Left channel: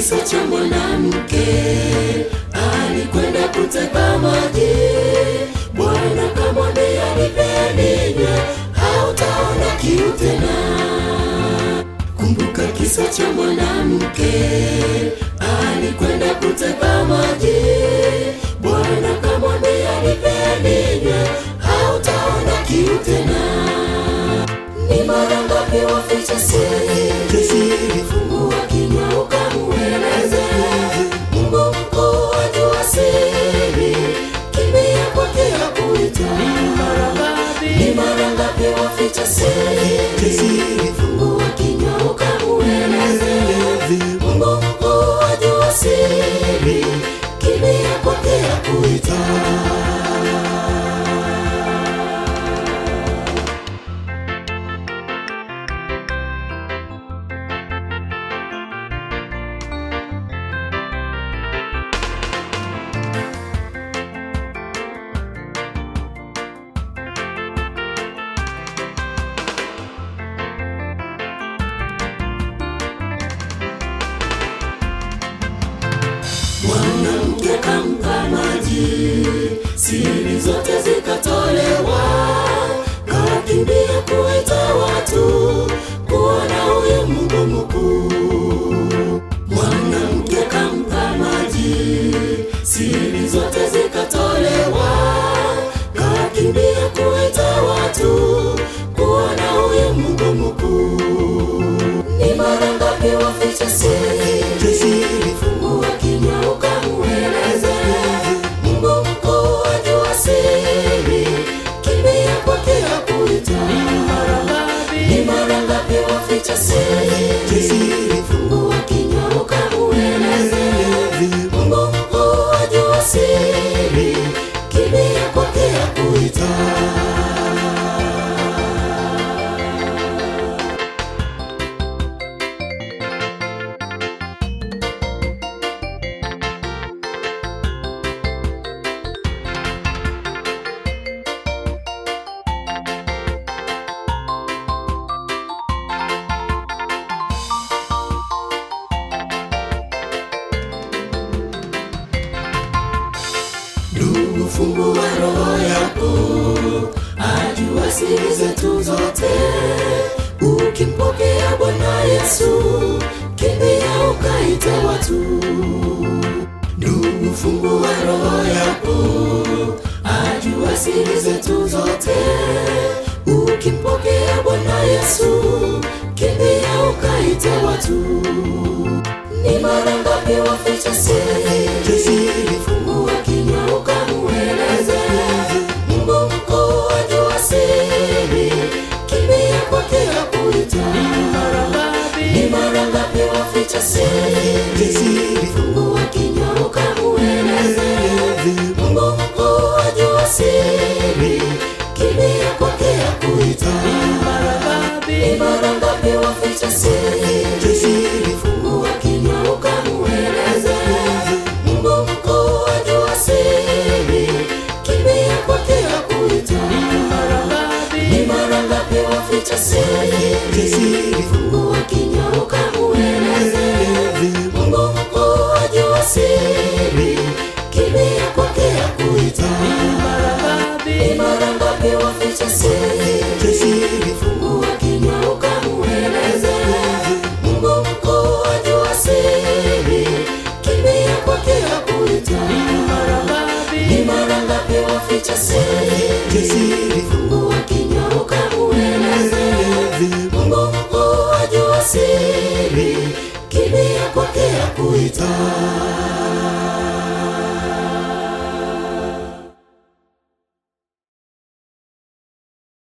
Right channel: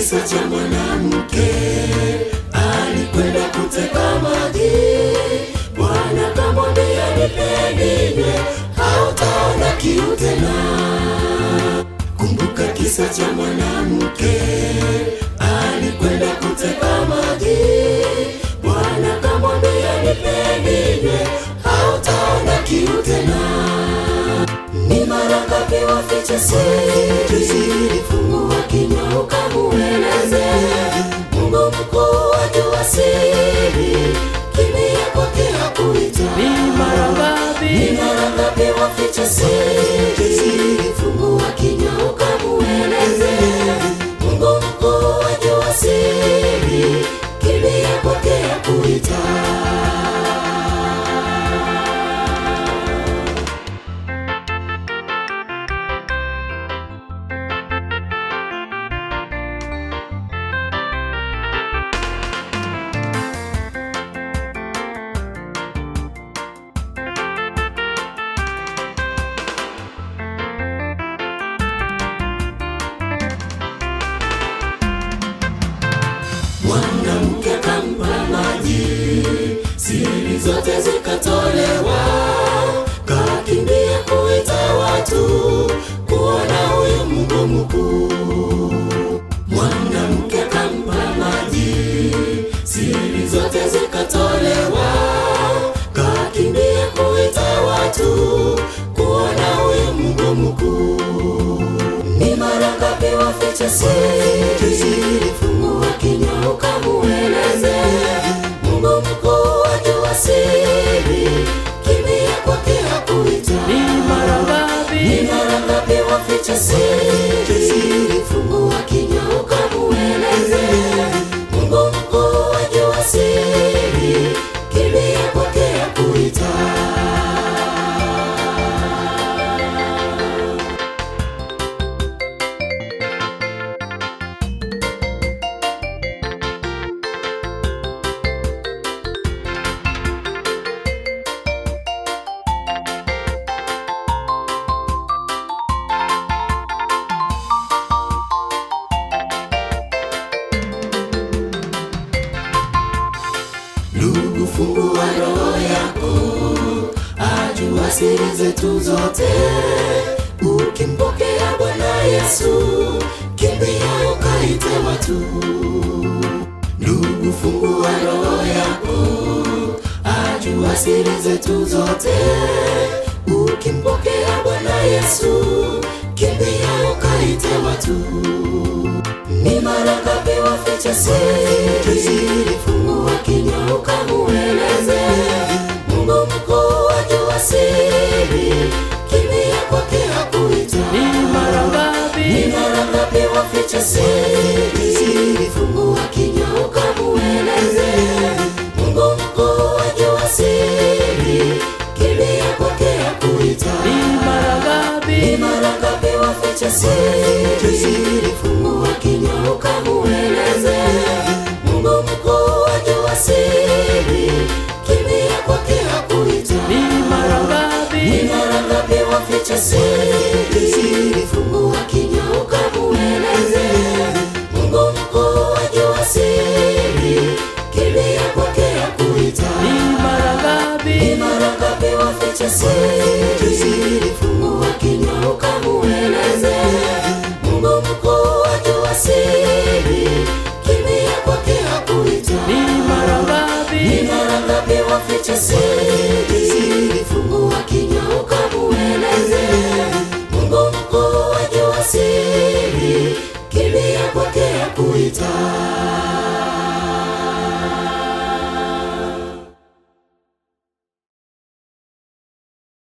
kisa cha mwanamke alikwenda kuteka maji. Bwana kamwambia, nipe ninywe, hautaona kiu tena. Kumbuka kisa cha mwanamke alikwenda kuteka maji. Bwana kamwambia, nipe ninywe, hautaona kiu tena. Ni mara ngapi waficha siri? Fungua kinywa ukamueleze. Mungu mkuu ajua siri, kimbia kwake hakuita. Ni mara ngapi waficha siri? Fungua kinywa ukamueleze. Mungu mkuu ajua siri, kimbia kwake hakuita. Mwanamke kampa maji, siri zote zikatolewa. Kakimbia kuita watu kuona huyo Mungu mkuu. Mwanamke kampa maji, siri zote zikatolewa. Kakimbia kuita watu kuona huyo Mungu mkuu. Ni mara ngapi waficha siri? Fungua kinywa ukamueleze. Mungu mkuu ajua siri, kimbia kwake hakuita. Ni mara ngapi waficha siri? Fungua kinywa ukamueleze. Mungu mkuu ajua siri, kimbia kwake hakuita. Ndugu, fungua roho yako, ajua siri zetu zote. Ukimpokea Bwana Yesu, kimbia ukaite watu. Ndugu, fungua roho yako, ajua siri zetu zote. Ukimpokea Bwana Yesu, kimbia ukaite watu. Ni mara ngapi waficha siri? Fungua kinywa ukamueleze. Mungu mkuu ajua siri, kimbia kwake hakuita. Ni mara ngapi waficha siri? Fungua kinywa ukamueleze. Mungu mkuu ajua siri, kimbia kwake hakuita. Ni mara ngapi waficha siri? Fungua kinywa ukamueleze. Mungu mkuu ajua siri, kimbia kwake hakuita. Ni mara ngapi waficha siri? Fungua kinywa ukamueleze. Mungu mkuu ajua siri, kimbia kwake hakuita. Ni mara ngapi waficha siri? Fungua kinywa ukamueleze. Mungu mkuu ajua siri, kimbia kwake hakuita. Ni mara ngapi waficha siri? Fungua kinywa ukamueleze. Mungu mkuu ajua siri, kimbia kwake hakuita.